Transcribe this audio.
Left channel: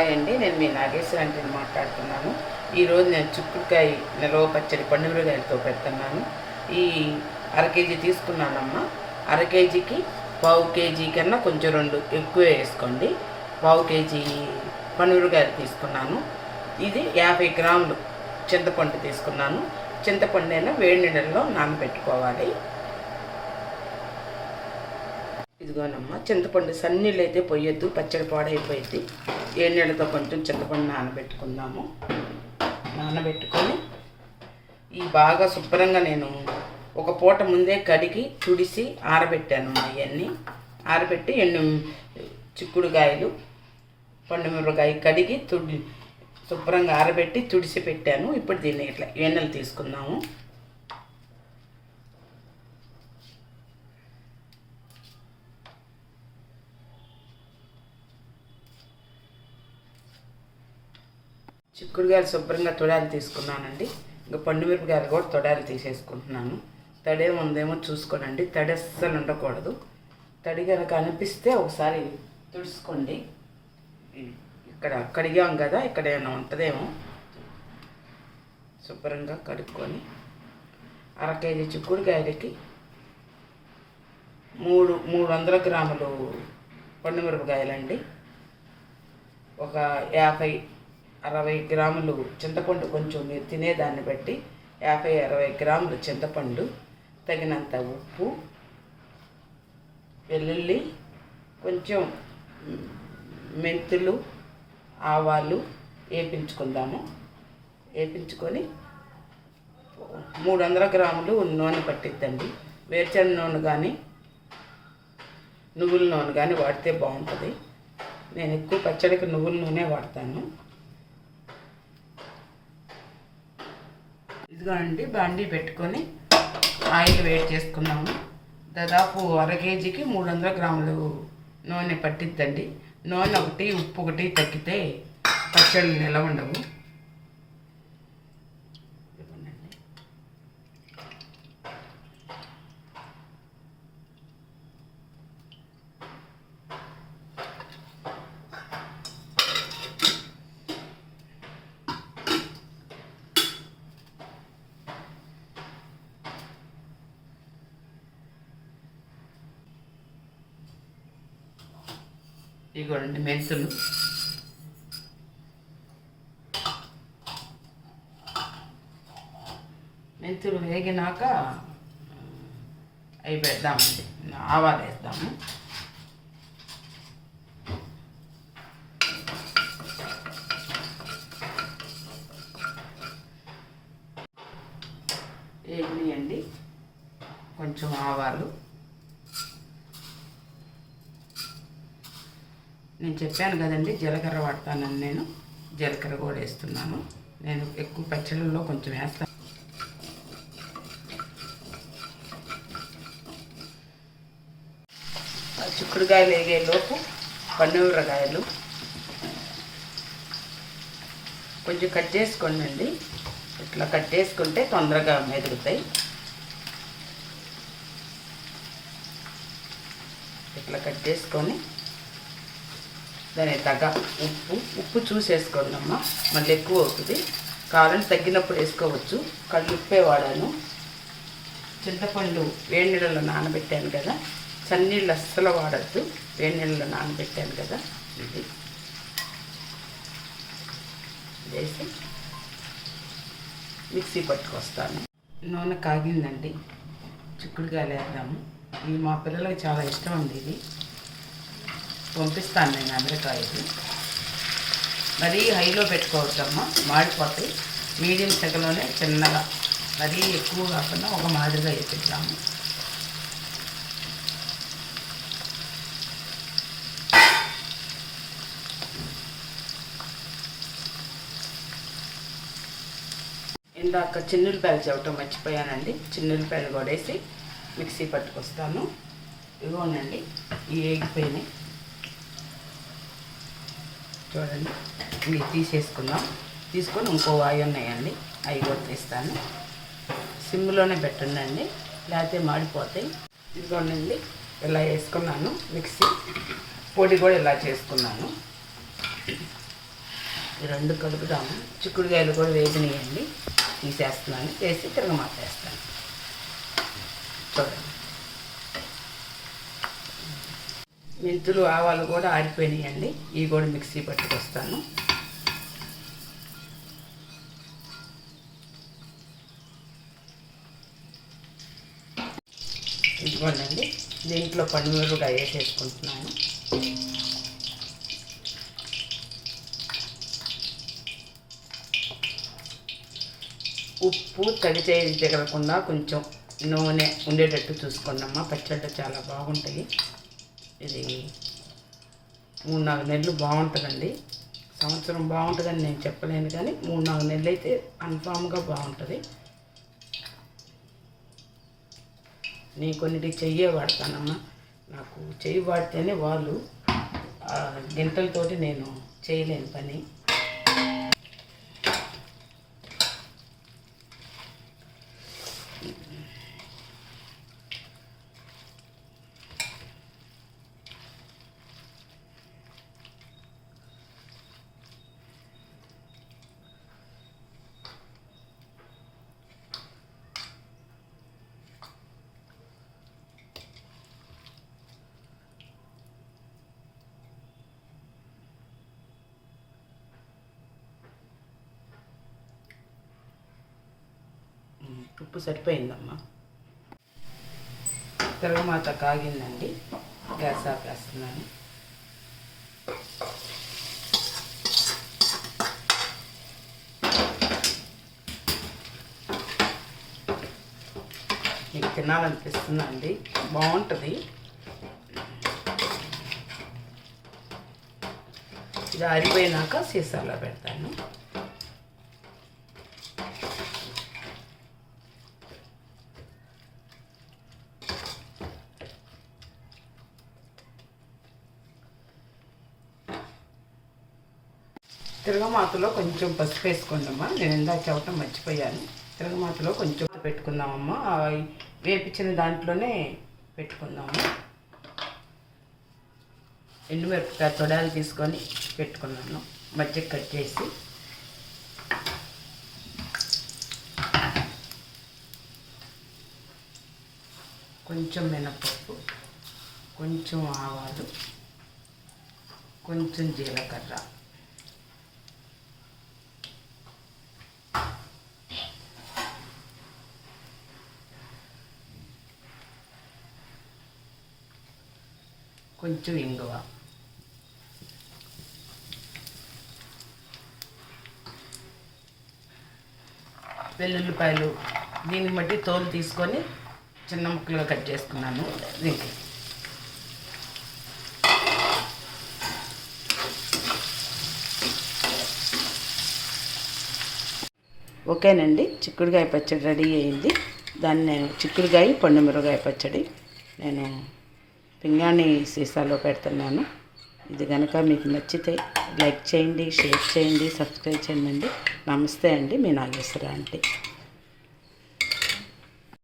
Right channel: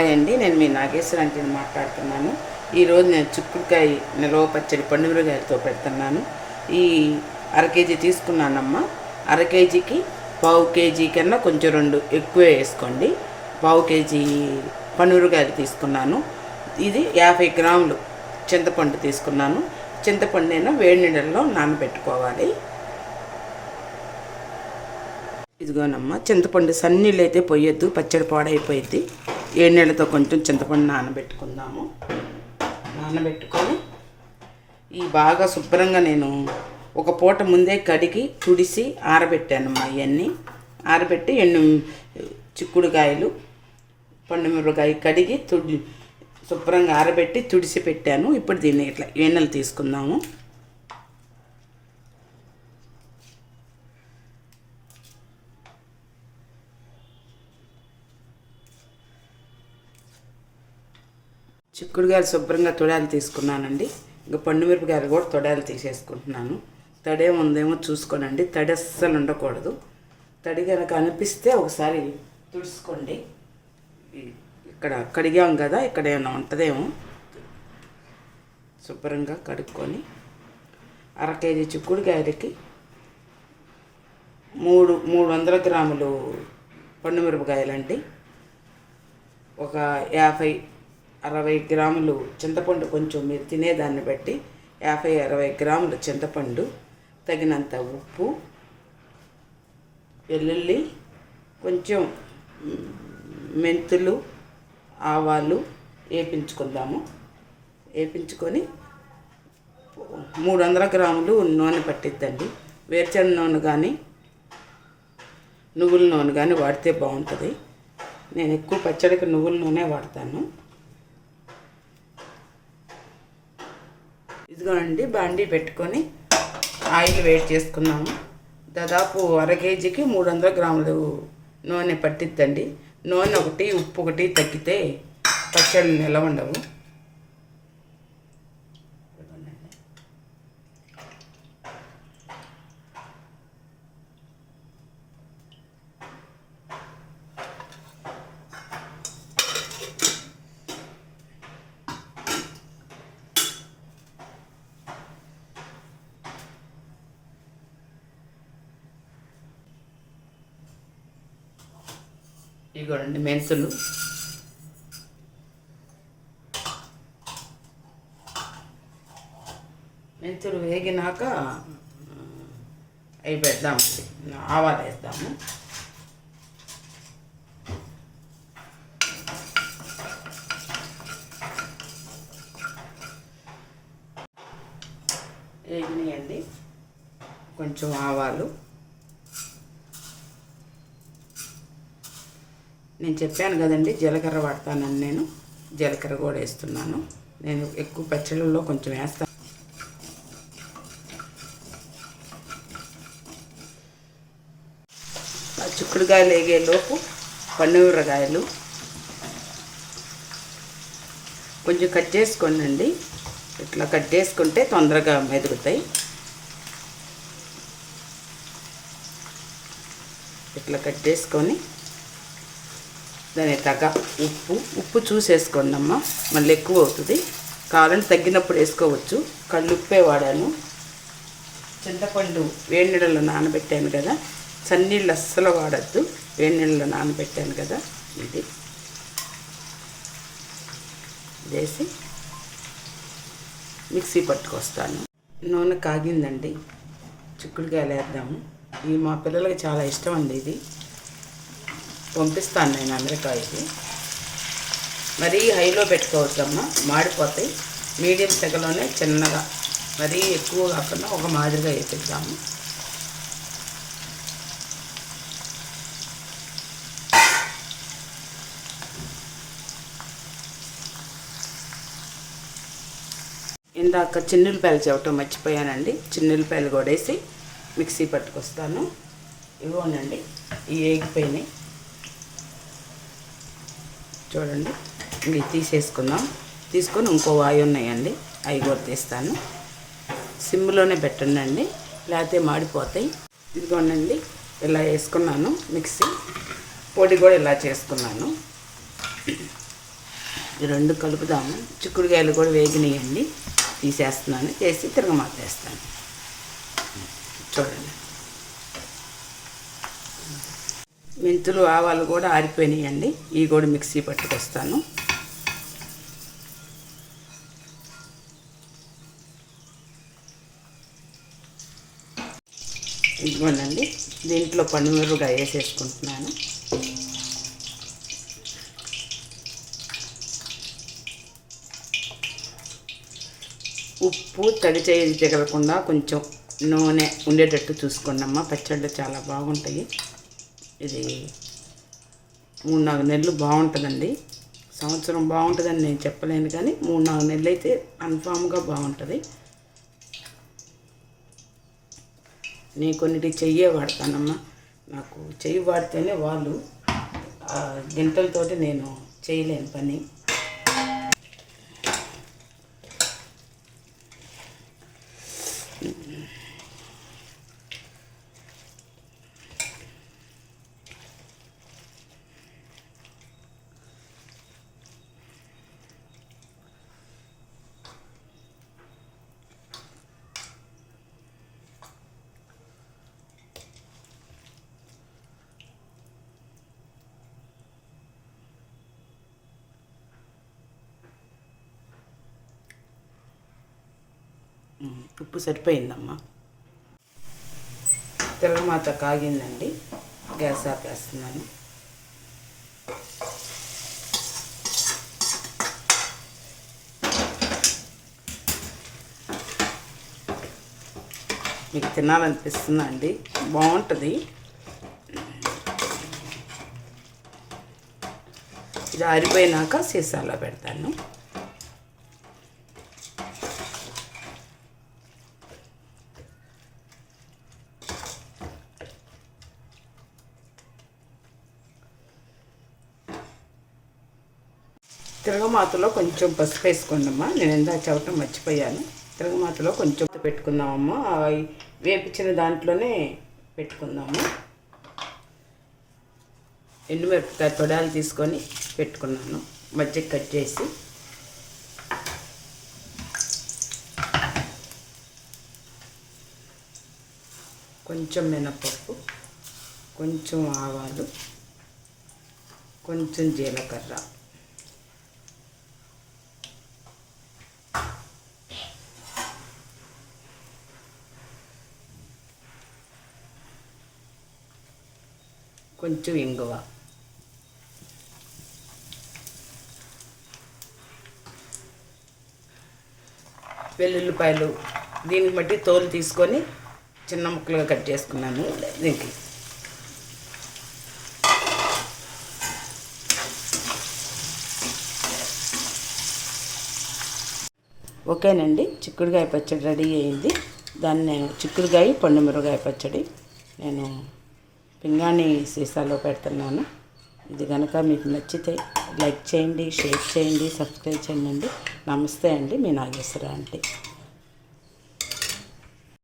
Hi అండి. నేను మీ నాగేశ్వర అంటే మాట్లాడుతున్నాను. ఈరోజు నేను చిక్కుడుకాయ నిలవ పచ్చడి పండుమిరకాయలతో పెడుతున్నాను. ఈ అర కేజీ తీసుకున్నానమ్మా. అర కేజీకి పావు కేజీ కన్నా కొంచెం రెండు ఎక్కువ వేసుకోండి. పావు కేజీ పండుమిరకాయలు తీసుకున్నాను. ఇది యాభై గ్రాములు చింతపండు తీసుకున్నాను. చింతపండు అయినా వేడి నీళ్ళల్లో నానబెట్టుకోవాలి. ఇదిగోనమ్మా చింతపండు సన్నీళ్ళు అయితే పోయొద్దు పచ్చడి పాడైపోయింది ఏ నీళ్ళతో కొంచెం చింతపండు నానబెట్టుకుందాము. నానబెట్టుకొని ఈ బాగా శుభ్రంగా నేను ఒక పూట ముందే కడిగి తుడిసి ఆరబెట్టాను మా ఇవన్నీ ఆరబెట్టి ఎండు చిక్కుడుకాయలు పండు మిరపకాయ కడిగి తుడి శుభ్రంగా ఆరబెట్టి తుడిసి పెట్టాను. ఇప్పుడు దీన్ని ఇట్లా ఏనెలు తీసుకుందాము. చిక్కుడుగాయలు శుభ్రంగా తొడాలు తీసుకున్నానండి. ఇంకా పండు మిరపకాయలు కూడా తొడాలు తీసేసుకుంటున్నాను. తడే ఉందేమో చూసుకోనండి. తడి అస్సలు ఉండకూడదు. తడి కనుక అనిపిస్తే ఒకసారి తుడుచుకోండి. ఇక్కడ కడిగాం కదా ఇక్కడ ఏమైనా ఉంటుందేమో. శుభ్రంగా కడుక్కొని అర కేజీ చిక్కుడుకాయలకి మూడు మూడు వందల గ్రాములు పండుమిరపకాయలండి ఒక యాభై అరవై గ్రాములు చింతపండు కొంచెం మీరు తినేదాన్ని బట్టి యాభై అరవై గ్రాములు చింతపండు తగినంత ఉప్పు వెల్లుల్లి కొంచెం మెంతులు ఆవాలు వేపించుకుందాము. వేపించుకొని మూడు వందల గ్రాములు నూనె పట్టిద్దండి. వేరుచెన నూనె కానీ నువ్వుల నూనె కానీ వాడితే బాగుంటుంది. నేను ఎక్కువ పచ్చడికి నువ్వుల నూనె వాడతాను. ఇదిగోండి బాండీ పెట్టుకొని ఆయిల్ వేడి చేసుకున్నాము. దాదాపు అర కేజీకి మూడు వందల గ్రాములు నూనె పట్టిద్దండి. నూనె ఒకటి ఉప్పు ఒకటి తగ్గితే పచ్చళ్ళు నిలవ ఉండవు ఇదిగోండి. ఇదిగోండి మెంతులు. మెంతులు వేగినాక అవి పెడదాము ఆవాలు వేద్దాము. వేగినాయండి. కొంచెం ఆవాలు. నేను చెప్పాను కదండి జీలకర్ర వాడతానని నేను. జీలకర్ర కూడా వేస్తున్నాను. నేను ఎక్కువ పచ్చళ్ళలో కొంచెం వేస్తాను చిక్కుడుకాయలు వేగేలోపు పన్నూరకాయలు కొంచెం కట్ చేసుకోండి ఇట్లా కట్ చేసుకుంటే తొందరగా మెదుగుతాయి. ఇట్లా కట్ చేసుకొని దాని తగ్గ ఉప్పు ఉప్పు చూసేసుకోండి అమ్మ. మళ్ళీ ఎక్కువ అవుతుంది. కారం తగ్గినప్పుడు వేసుకోవచ్చు. కళ్ళు ఉప్పే వాడాను. చింతపండు. వేడి నీళ్ళలో నానబెట్టాను కదా. చన్నీళ్ళు అస్సలు వాడద్దు. వేడి నీళ్ళలో నానబెట్టాను కదా. ఇది. వేసి మిక్సీ పట్టుకొస్తాను. నూనె కాగిందండి. చిక్కుడుకాయలు వేద్దాము. ఇవి మా పిల్లలకి చాలా ఇష్టం అండి ఇది. పంపిస్తాను నేను అమెరికా మరీ హైలో పెట్టుకోవచ్చమ్మా మాడిపోతాయి. మీడియం సెగలోనే చిన్నగా మరీ ఎక్కువ కాకుండా ఒక మాదిరిగా వేపిద్దాము. ఇందాక చిన్నులపాయలు చెప్పటం మర్చిపోయానండి. చిన్నులపాయలు కూడా వేసి మిక్సీ పట్టుకొస్తాను. ఇవ్వండి ఇవి వేగిపోయినాయి చూడండి. ఇవి తీసేసుకుందాం. తీసుకొని ఇంకో వాయి ఉన్నాయండి. అవి కూడా తీస్తాను. సిమ్లోనే పెట్టండి లేకపోతే మాడిపోతాయి. ఇదిగోనండి ఇలా వేసుకున్నాను. మిక్సీ పొడి కూడా ఇలా చేసుకున్నాను. ఈ రెండు కలుపుదాము చిక్కుడుకాయలు కూడా వేగినాయండి. తీసేస్తున్నాను. వేసి తిరగమాతేస్తాను చూడండి. మెంతులు ఆవాలు కూడా ఆరిపోయినాయండి. ఇవి కూడా మిక్సీ పట్టుకొస్తాను. ఇదిగోనండి దీంట్లో పనిమిరపకాయ వేసేసుకుంటున్నాను. ఉప్పు తడి చేయి తగలకుండా కొంచెం నూనె ఉండేటట్టు చూసుకోండమ్మా. పచ్చళ్ళు చాలా బాగుంటాయి. ఇది మూడు నాలుగు నెలలు బాగుంటుందండి. సంవత్సరం బాగుంటుందని నేను చెప్పలేను కానీ మూడు నాలుగు నెలలు అయితే కన్ఫామ్గా బాగుంటుంది. నేను కొన్నిటికి చెయ్యే వాడతానమ్మా. నాకు చెయ్యి వాడితేనే వాళ్ళు గింటలతోటి గంటలతోటి నేను చేయలేను పని. ఉప్పు సరిపోయిందమ్మా. తిరగమాత కాగిందండి. గ్యాస్ ఆపేస్తున్నాను మీకు తినాలనిపిస్తుందండి. బాగుంటుంది. ఇది ఆరిపోయినాక సీసాలో పెడతాను. తిరగమాతలో కొంచెం పసుపు వేసుకోండమ్మా నేను ఇందా చవటం మర్చిపోయాను. తిరగమాతలో కొంచెం పెట్టుకుందామమ్మా. వేపించిన దాంట్లోనే పెట్టుకుందాము. ఎండుమిరపకాయ తొడాలు తీసుకొని పెట్టుకున్నాను. మధ్య కట్ చేసి. కొంచెం మినపప్పు కొంచెం ఆవాలు కొంచెం జీలకర్ర. కొంచెం ఇంగువ. వెల్లుల్లిపాయలు దీన్ని బట్టి తోలు తీసుకొని చిన్న ముక్కలుగా కట్ చేసుకున్నాను దీనికి. ఓకేనండి చిక్కుడుకాయ పచ్చడి రెడీ అయింది. దాన్ని నేను చిక్కుడుకాయ పండుమిరగాయ పచ్చడి నేను పింగాణి సీసాలో పెడుతున్నాను. ఇది కనుక మీకు నచ్చితే లైక్ చేయండి షేర్ చేయండి సబ్స్క్రైబ్ చేయండి. నమస్తే అండి మీ నాగేశ్వర ఆంటీ.